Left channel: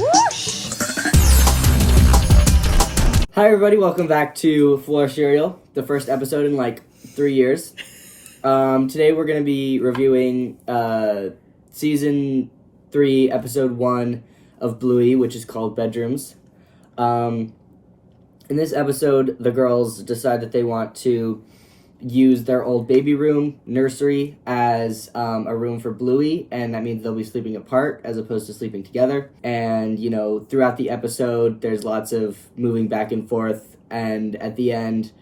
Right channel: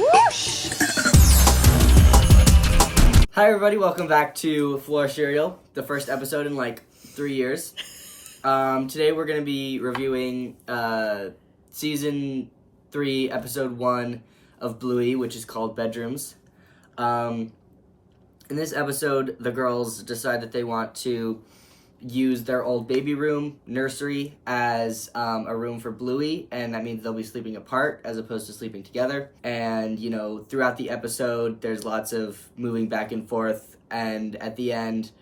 Whoosh! Hi everybody, welcome back to FloorCereal, the first episode in like 3 years. Today we're going to be reviewing Season 3, Episode 1 of Bluey, which is called Bedrooms. In this episode, the girls decide that they want to use their old baby room, nursery, as a room for Bluey, and that means they'll be sleeping apart as opposed to sleeping together. And, you know, throughout the episode, there's lots of moving back and forth, and at the end,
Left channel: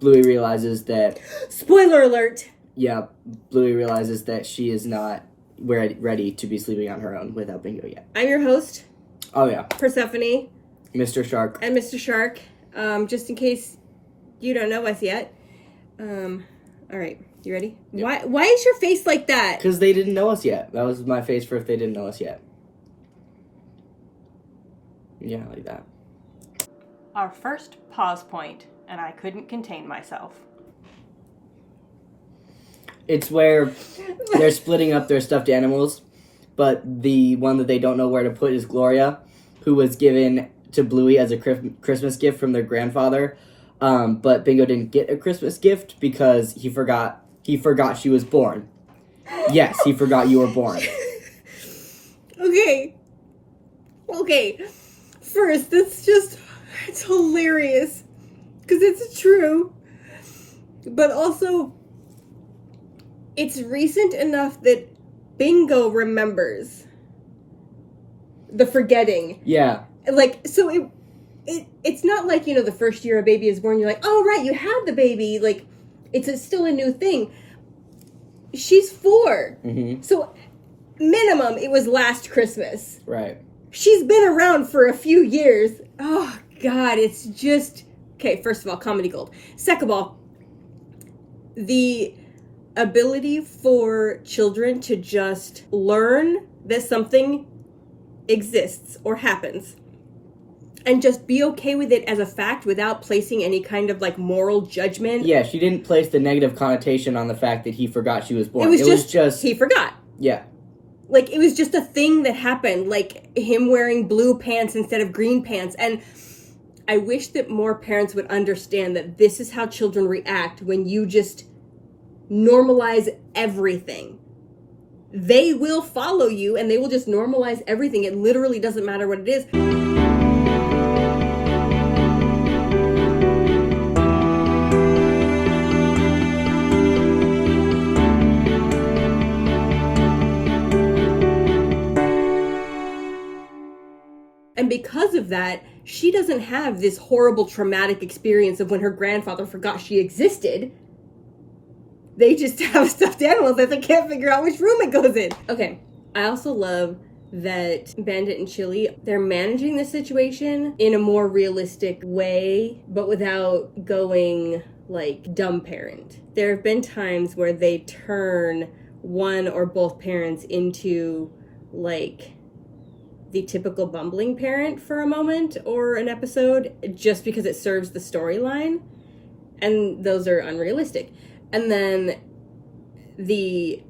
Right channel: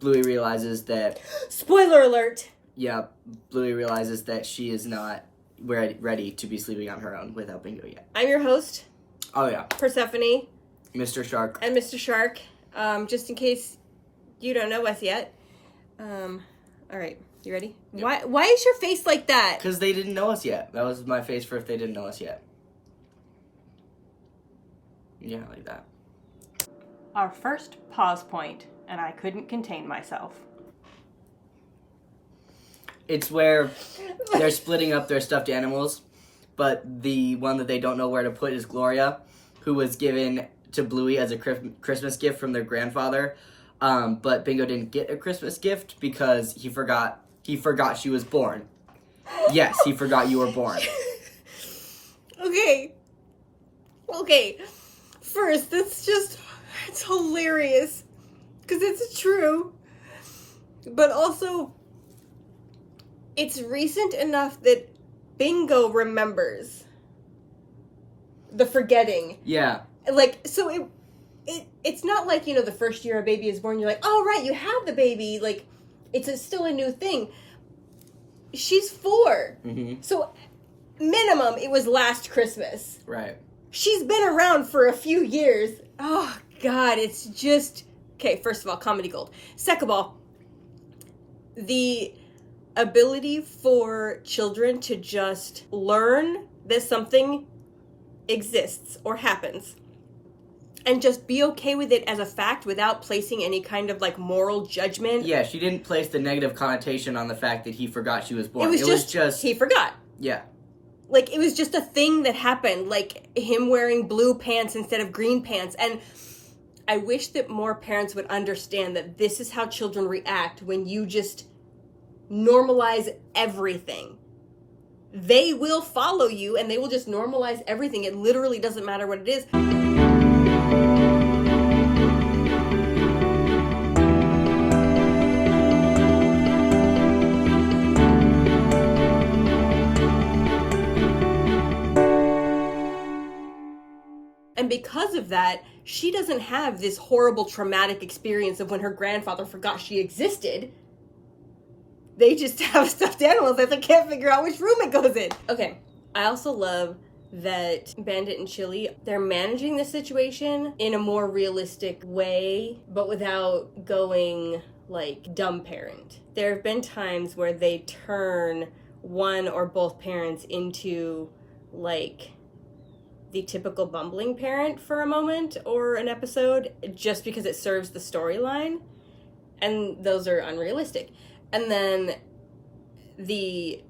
Bluey realizes that... Spoiler alert! Yeah, Bluey realizes that she is not ready to be sleeping on her own without Bingo yet. I'm your host. Oh, yeah. Persephone. Mr. Shark. And Mr. Shark. Just in case you don't know us yet. Alright, you ready? Yep. Why is your face like that? Because they didn't know us yet. That was my face for if they didn't know us yet. Yeah, like that. Our first pause point, and I couldn't contain myself. It's where they're splitting up their stuffed animals, but the one that they don't know where to put is Gloria, who was given to Bluey as a Christmas gift from their grandfather. But Bingo didn't get a Christmas gift because he forgot she was born. Yes, he forgot you were born. Okay. First, it's hilarious. Because it's true. But also, it's recent enough that Bingo remembers the forgetting. Yeah. Like, so it's not like, you know, the first year a baby is born, you're like, oh, right, you had the baby. Like, it's still a new thing. She's 4. Mm-hmm. So, minimum, it was last Christmas. Right. She's been around for a few years. Oh, God, it's just... Okay, first of all, comedy gold. Second of all, the ability for children to just learn that something exists or happens and just be okay with it as a fact without placing any kind of, like, moral judgment. Yeah, she didn't place the negative connotation on the fact that he forgot she was born. It was just he forgot. Yeah. Like, it was just a thing that happened, like him wearing blue pants instead of green pants. And I wish that more parents would understand that this is how children react when you just normalize everything. They will follow you and they will just normalize everything. It literally doesn't matter what it is. And because of that, she doesn't have this horrible traumatic experience of when her grandfather forgot she existed. They just have a stuffed animal that they can't figure out which room it goes in. Okay, I also love that Bandit and Chili, they're managing the situation in a more realistic way, but without going, like, dumb parent. There have been times where they turn one or both parents into, like, the typical bumbling parent for a moment or an episode just because it serves the storyline, and those are unrealistic. And then the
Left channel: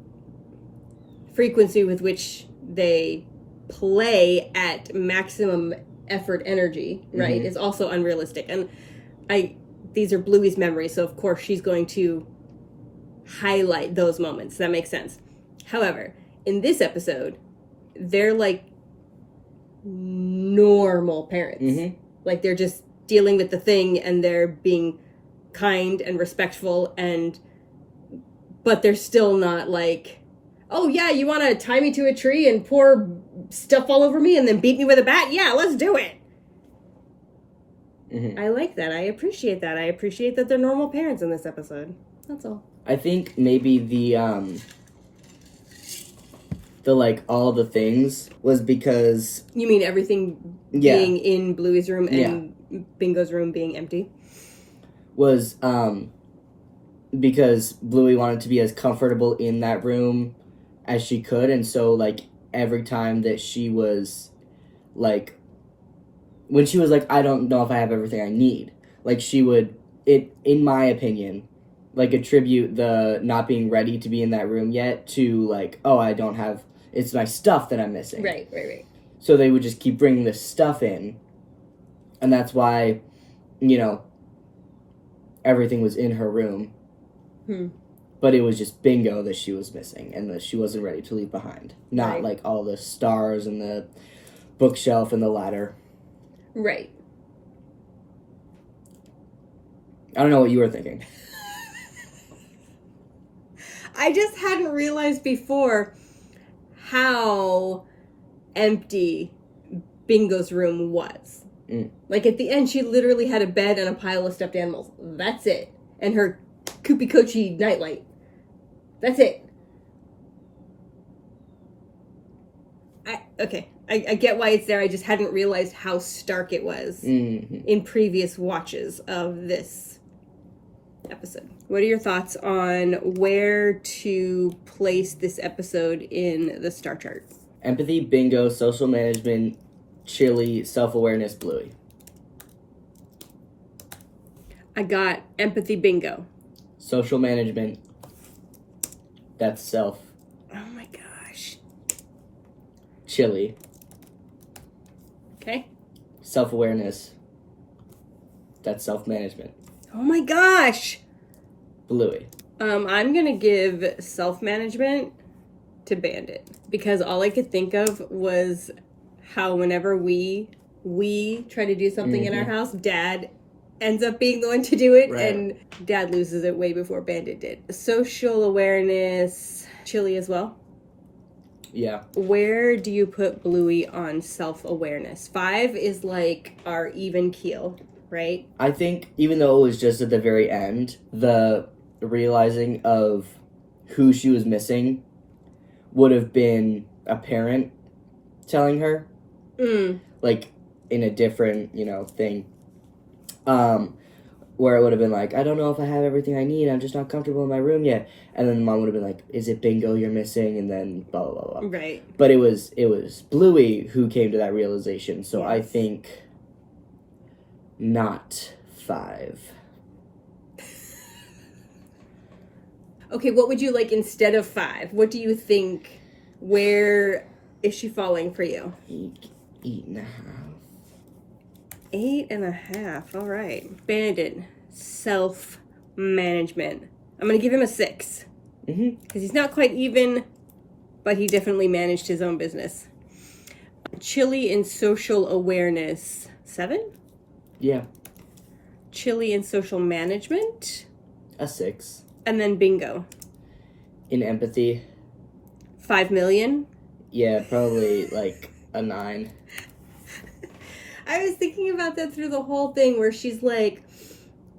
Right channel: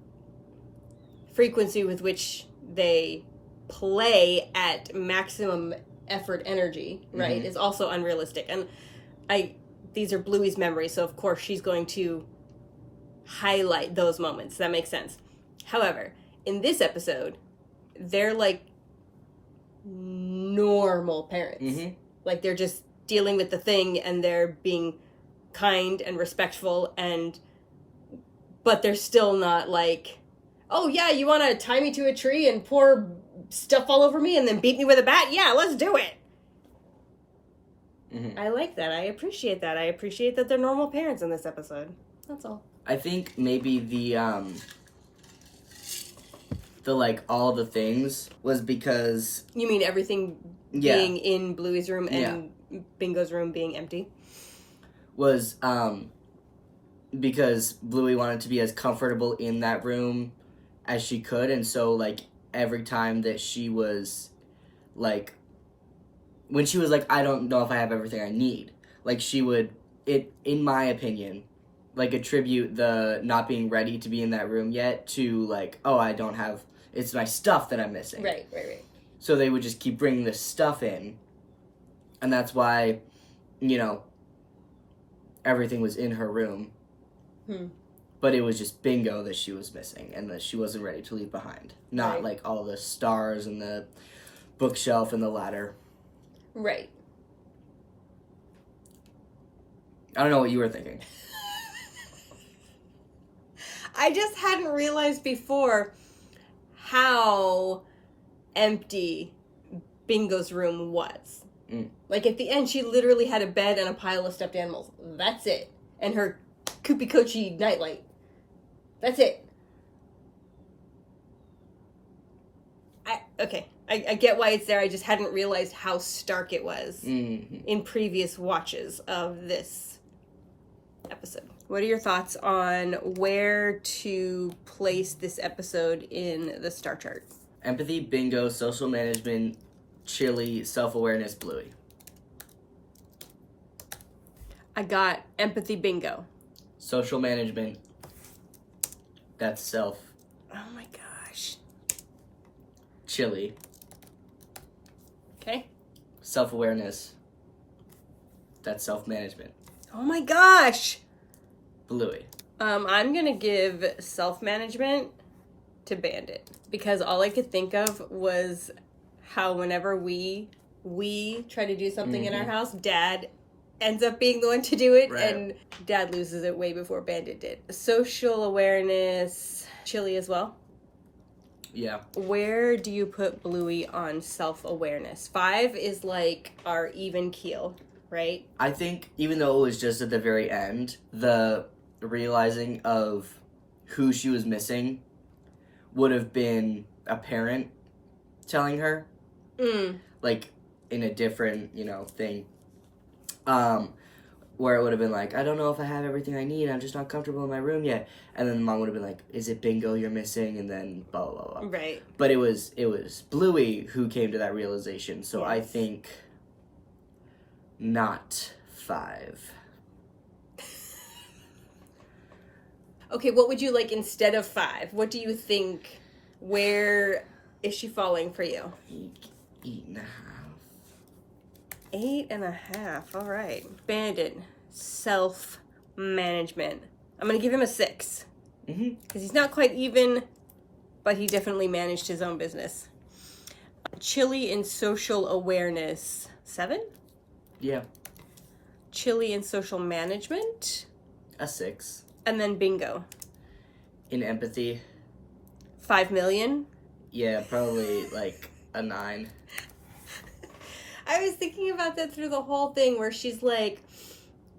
frequency with which they play at maximum effort energy, right, is also unrealistic. And these are Bluey's memories, so of course she's going to highlight those moments. That makes sense. However, in this episode, they're like normal parents. Mm-hmm. Like, they're just dealing with the thing and they're being kind and respectful, but they're still not like, oh yeah, you want to tie me to a tree and pour stuff all over me and then beat me with a bat? Yeah, let's do it. Mm-hmm. I like that. I appreciate that. I appreciate that they're normal parents in this episode. That's all. I think maybe the like all the things was because... You mean everything being in Bluey's room and Bingo's room being empty? Was because Bluey wanted to be as comfortable in that room as she could, and so, like, every time that she was, like, when she was like, I don't know if I have everything I need, like, she would, in my opinion, like, attribute the not being ready to be in that room yet to, like, oh, I don't have, it's my stuff that I'm missing. Right. So they would just keep bringing this stuff in. And that's why, everything was in her room. But it was just Bingo that she was missing and that she wasn't ready to leave behind. Not like all the stars and the bookshelf and the ladder. Right. I don't know what you were thinking. I just hadn't realized before how empty Bingo's room was. Like at the end, she literally had a bed and a pile of stuffed animals. That's it. And her Koopy Kochi nightlight. That's it. I get why it's there. I just hadn't realized how stark it was in previous watches of this episode. What are your thoughts on where to place this episode in the star chart? Empathy, Bingo, social management, Chili, self-awareness, Bluey. I got empathy, Bingo. Social management, that's self. Oh my gosh. Chili. Okay. Self-awareness, that's self-management. Oh my gosh. Bluey. I'm gonna give self-management to Bandit because all I could think of was how whenever we try to do something in our house, Dad ends up being the one to do it, and Dad loses it way before Bandit did. Social awareness, Chili as well. Yeah. Where do you put Bluey on self-awareness? 5 is like our even keel, right? I think even though it was just at the very end, the realizing of who she was missing would have been a parent telling her. Like in a different, thing. Where it would have been like, I don't know if I have everything I need, I'm just not comfortable in my room yet. And then the mom would have been like, is it Bingo you're missing? And then blah, blah, blah, blah. Right. But it was Bluey who came to that realization. So I think not 5. Okay, what would you like instead of 5? What do you think, where is she falling for you? 8.5. 8.5, all right. Bandit, self-management. I'm going to give him a 6. Because he's not quite even, but he definitely managed his own business. Chili and social awareness, 7? Yeah. Chili and social management. A 6. And then Bingo. In empathy. 5 million. Yeah, probably like a 9. I was thinking about that through the whole thing where she's like,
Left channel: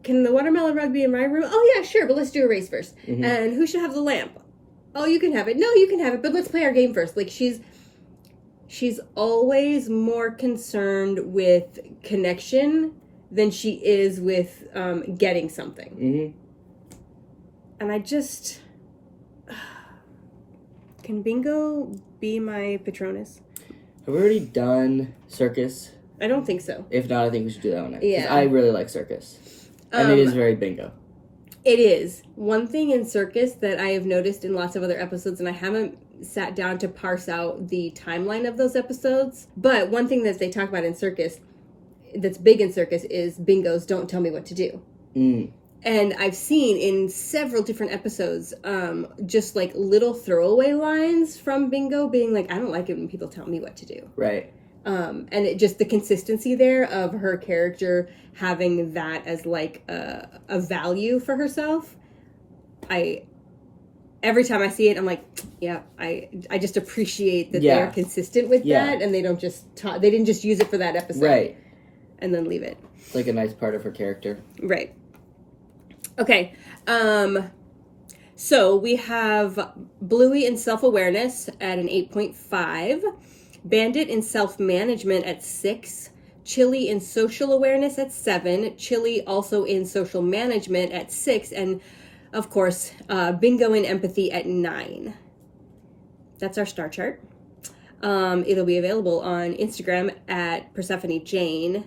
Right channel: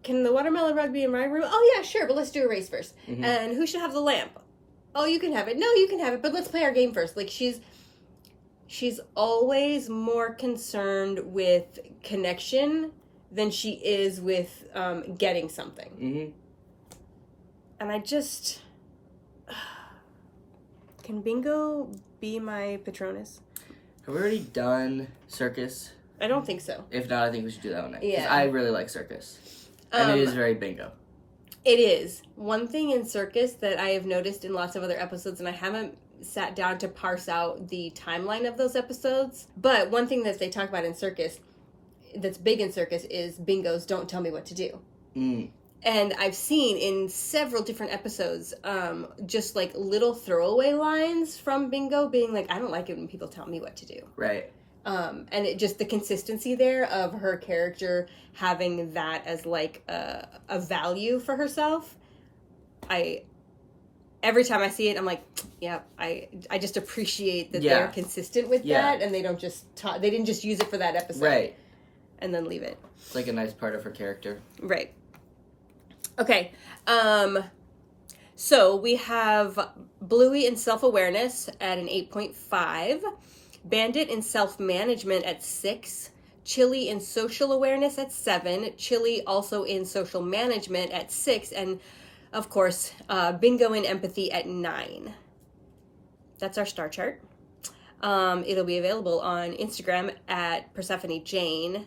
can the watermelon rug be in my room? Oh yeah, sure, but let's do a race first. And who should have the lamp? Oh, you can have it. No, you can have it, but let's play our game first. Like she's always more concerned with connection than she is with getting something. And I just... Can Bingo be my patronus? Have we already done circus? I don't think so. If not, I think we should do that one next. Yeah. I really like circus. And it is very Bingo. It is. One thing in circus that I have noticed in lots of other episodes, and I haven't sat down to parse out the timeline of those episodes, but one thing that they talk about in circus, that's big in circus, is Bingo's don't tell me what to do. And I've seen in several different episodes, just like little throwaway lines from Bingo being like, I don't like it when people tell me what to do. Right. And it just the consistency there of her character having that as like a value for herself. Every time I see it, I'm like, yeah, I just appreciate that they're consistent with that, and they don't just they didn't just use it for that episode, right, and then leave it. It's like a nice part of her character, right? Okay, so we have Bluey in self-awareness at an 8.5, Bandit in self-management at 6, Chili in social awareness at 7, Chili also in social management at 6, and of course, Bingo in empathy at 9. That's our star chart. It'll be available on Instagram at Persephone Jane.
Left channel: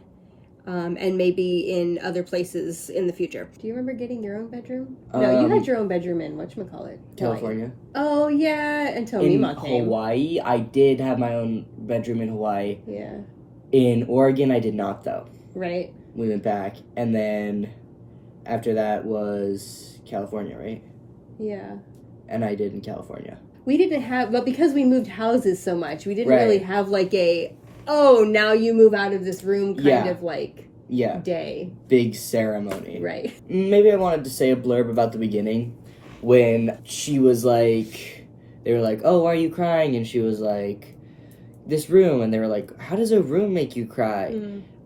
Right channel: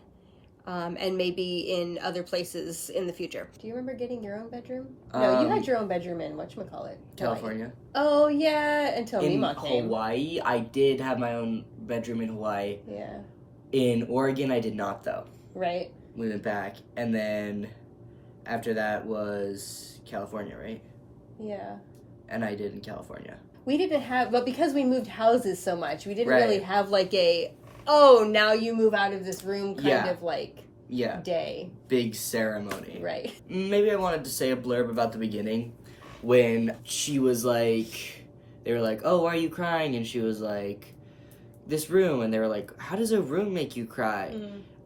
and maybe in other places in the future. Do you remember getting your own bedroom? No, you had your own bedroom in whatchamacallit? California. Oh, yeah, until In Mima came. Hawaii, I did have my own bedroom in Hawaii. Yeah. In Oregon, I did not, though. Right. We went back, and then after that was California, right? Yeah. And I did in California. We didn't have, but because we moved houses so much, we didn't Right. really have like a, oh, now you move out of this room kind of like day. Big ceremony. Right. Maybe I wanted to say a blurb about the beginning when she was like, they were like, oh, why are you crying? And she was like, this room. And they were like, how does a room make you cry?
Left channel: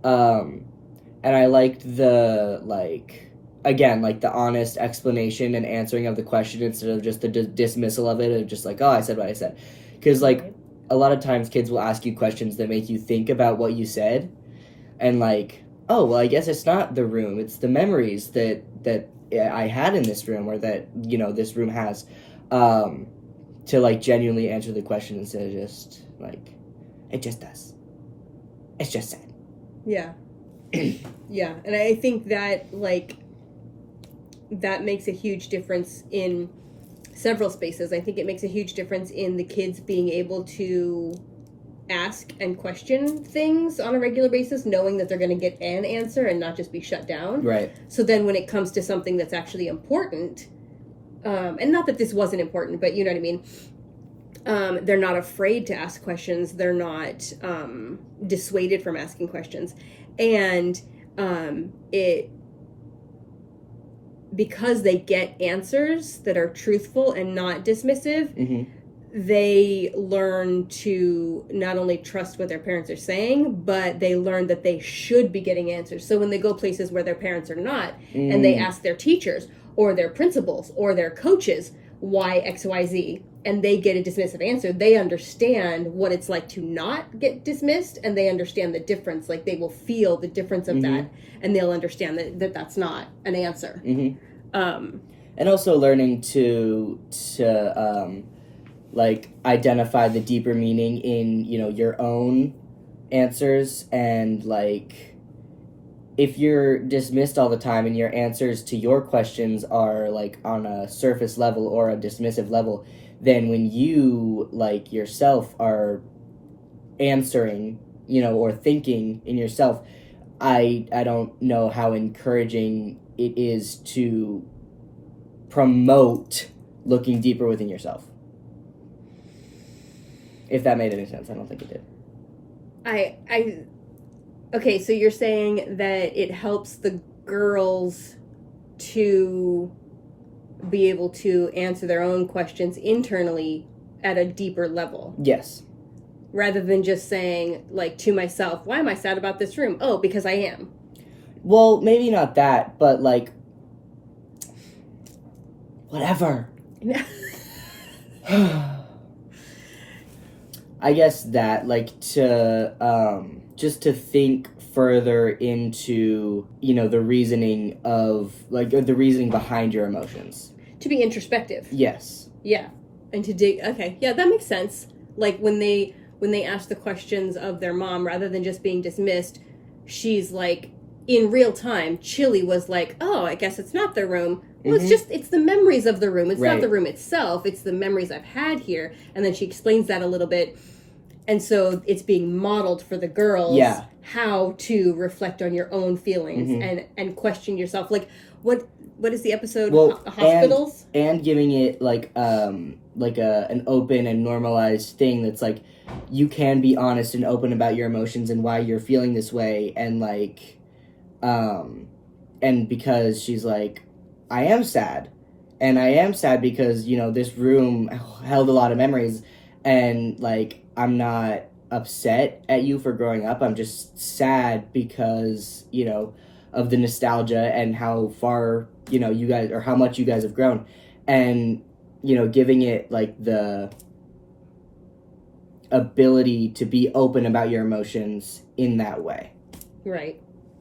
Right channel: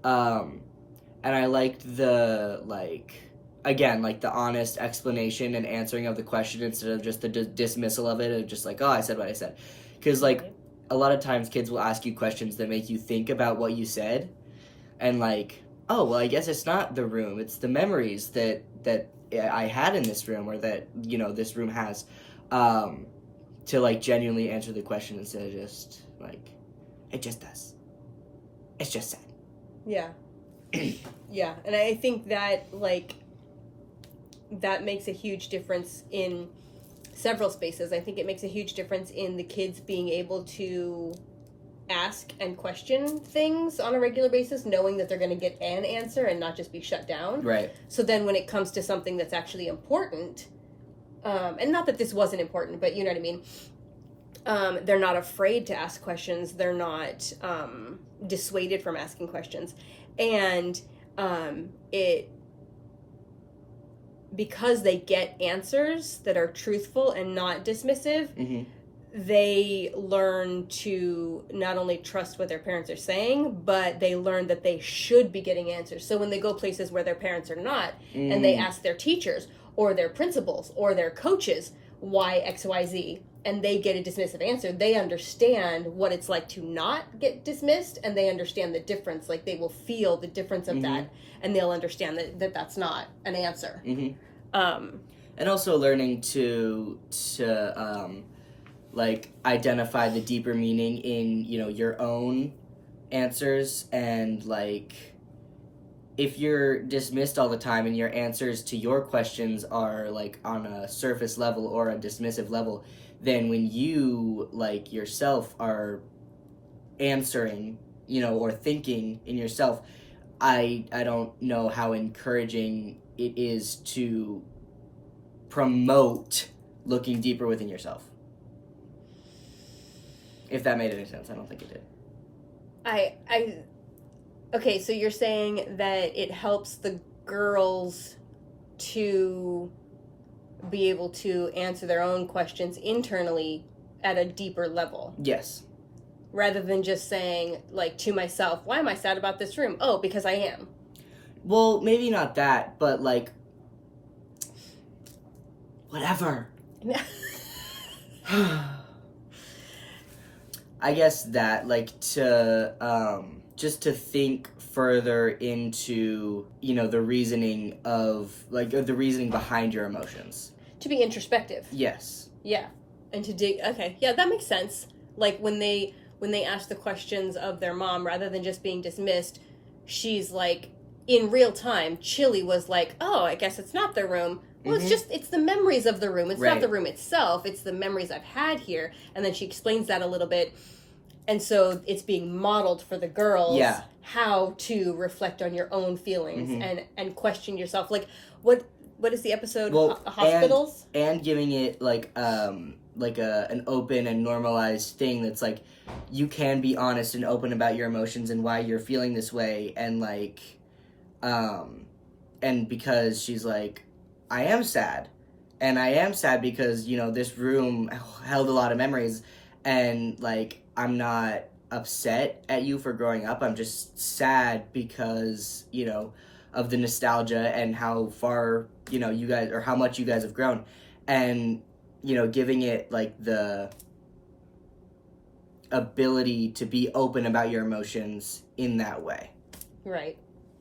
And I liked the, like, again, like the honest explanation and answering of the question instead of just the dismissal of it, of just like, oh, I said what I said. Because, like, a lot of times kids will ask you questions that make you think about what you said. And, like, oh, well, I guess it's not the room. It's the memories that I had in this room, or that, you know, this room has. To, like, genuinely answer the question instead of just, like, it just does. It's just sad. Yeah. Yeah. And I think that, like, that makes a huge difference in several spaces. I think it makes a huge difference in the kids being able to ask and question things on a regular basis, knowing that they're going to get an answer and not just be shut down. Right. So then when it comes to something that's actually important, and not that this wasn't important, but you know what I mean, they're not afraid to ask questions. They're not dissuaded from asking questions. And because they get answers that are truthful and not dismissive, they learn to not only trust what their parents are saying, but they learn that they should be getting answers. So when they go places where their parents are not, and they ask their teachers or their principals or their coaches why X, Y, Z, and they get a dismissive answer, they understand what it's like to not get dismissed, and they understand the difference. Like, they will feel the difference of that, and they'll understand that that's not an answer. And also learning to like, identify the deeper meaning in, you know, your own answers. And, like, if you're dismissed all the time and your answers to your questions are, like, on a surface level or a dismissive level, then when you, like, yourself are answering, you know, or thinking in yourself, I don't know how encouraging it is to promote looking deeper within yourself. If that made any sense. I don't think it did. Okay, so you're saying that it helps the girls to be able to answer their own questions internally at a deeper level. Yes. Rather than just saying, like, to myself, why am I sad about this room? Oh, because I am. Well, maybe not that, but, like, whatever. I guess that, like, to, just to think further into, you know, the reasoning of, like, the reasoning behind your emotions. To be introspective. Yes. Yeah. And to dig, okay, yeah, that makes sense. Like, when they ask the questions of their mom, rather than just being dismissed, she's like, in real time, Chili was like, oh, I guess it's not the room. Well, it's the memories of the room. It's not the room itself. It's the memories I've had here. And then she explains that a little bit. And so it's being modeled for the girls how to reflect on your own feelings and question yourself. Like, what is the episode? Well, hospitals? And giving it, like an open and normalized thing that's like, you can be honest and open about your emotions and why you're feeling this way. And, like, and because she's like, I am sad. And I am sad because, you know, this room held a lot of memories. And, like, I'm not upset at you for growing up. I'm just sad because, you know, of the nostalgia and how far, you know, you guys, or how much you guys have grown. And, you know, giving it, like, the ability to be open about your emotions in that way. Right.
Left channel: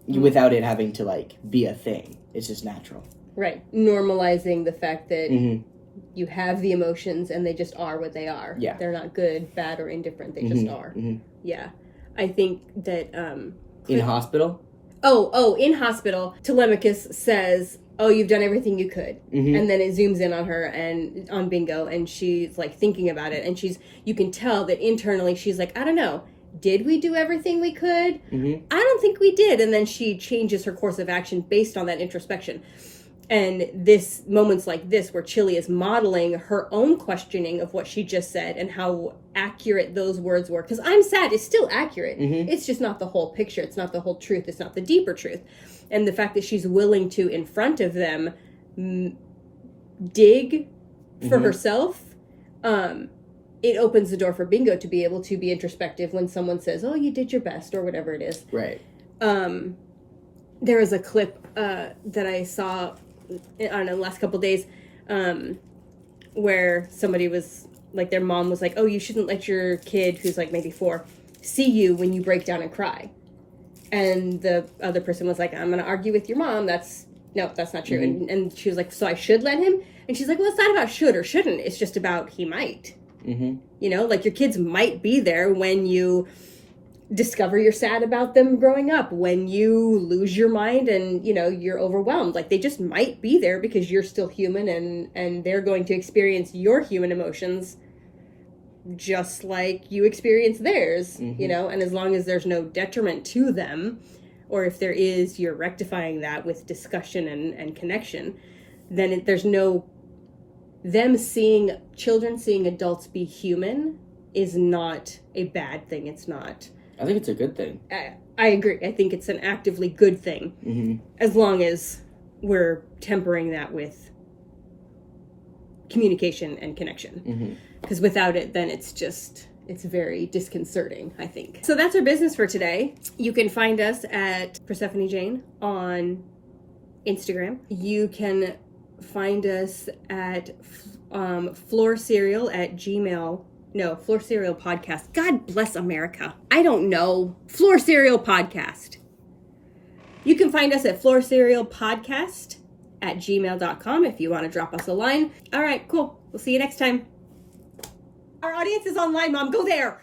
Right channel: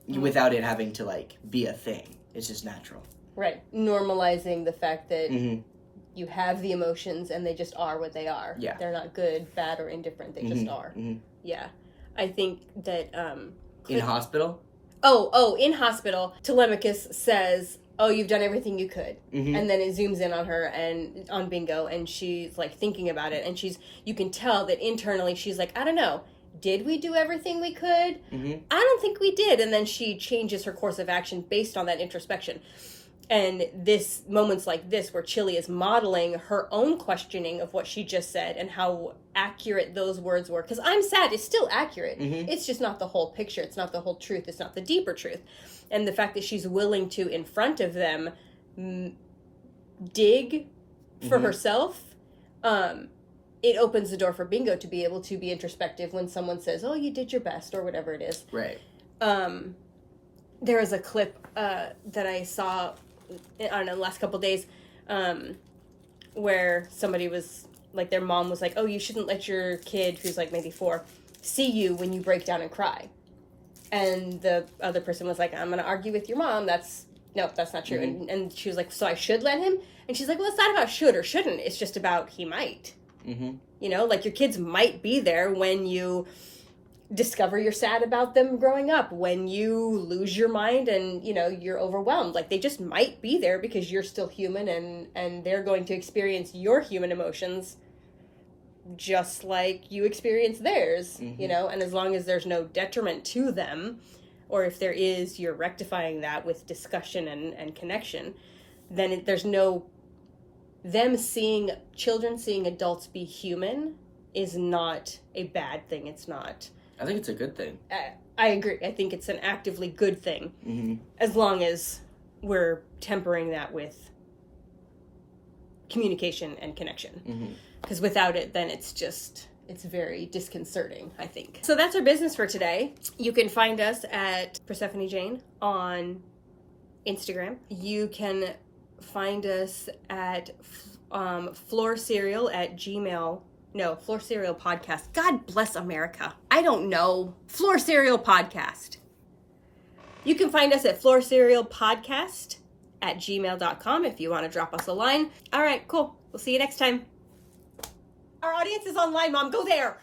Without it having to, like, be a thing. It's just natural. Right. Normalizing the fact that you have the emotions and they just are what they are. Yeah. They're not good, bad, or indifferent. They just are. Yeah. I think that... in hospital? In hospital, Telemachus says, "Oh, you've done everything you could," and then it zooms in on her and on Bingo, and she's like thinking about it, and you can tell that internally she's like, "I don't know, did we do everything we could? I don't think we did," and then she changes her course of action based on that introspection. And this moments like this, where Chili is modeling her own questioning of what she just said and how accurate those words were. Because I'm sad is still accurate. It's just not the whole picture. It's not the whole truth. It's not the deeper truth. And the fact that she's willing to, in front of them, dig for herself, it opens the door for Bingo to be able to be introspective when someone says, "Oh, you did your best," or whatever it is. Right. There was a clip that I saw on the last couple of days where somebody was like, their mom was like, "Oh, you shouldn't let your kid, who's like maybe 4, see you when you break down and cry." And the other person was like, "I'm going to argue with your mom. That's not true." And she was like, "So I should let him?" And she's like, "Well, it's not about should or shouldn't. It's just about he might." You know, like your kids might be there when you discover you're sad about them growing up, when you lose your mind and, you know, you're overwhelmed. Like, they just might be there because you're still human, and they're going to experience your human emotions just like you experience theirs, you know, and as long as there's no detriment to them, or if there is, you're rectifying that with discussion and connection, then there's no, children seeing adults be human is not a bad thing. It's not. I think it's a good thing. I agree. I think it's an actively good thing, as long as we're tempering that with communication and connection. Because without it, then it's very disconcerting, I think. So that's our business for today. You can find us at Persephone Jane on Instagram. You can find us at FloorCereal at Gmail. No, FloorCereal Podcast. God bless America. I don't know. FloorCereal Podcast. You can find us at FloorCereal Podcast at gmail.com if you want to drop us a line. All right, cool. We'll see you next time. Our audience is online, Mom. Go there.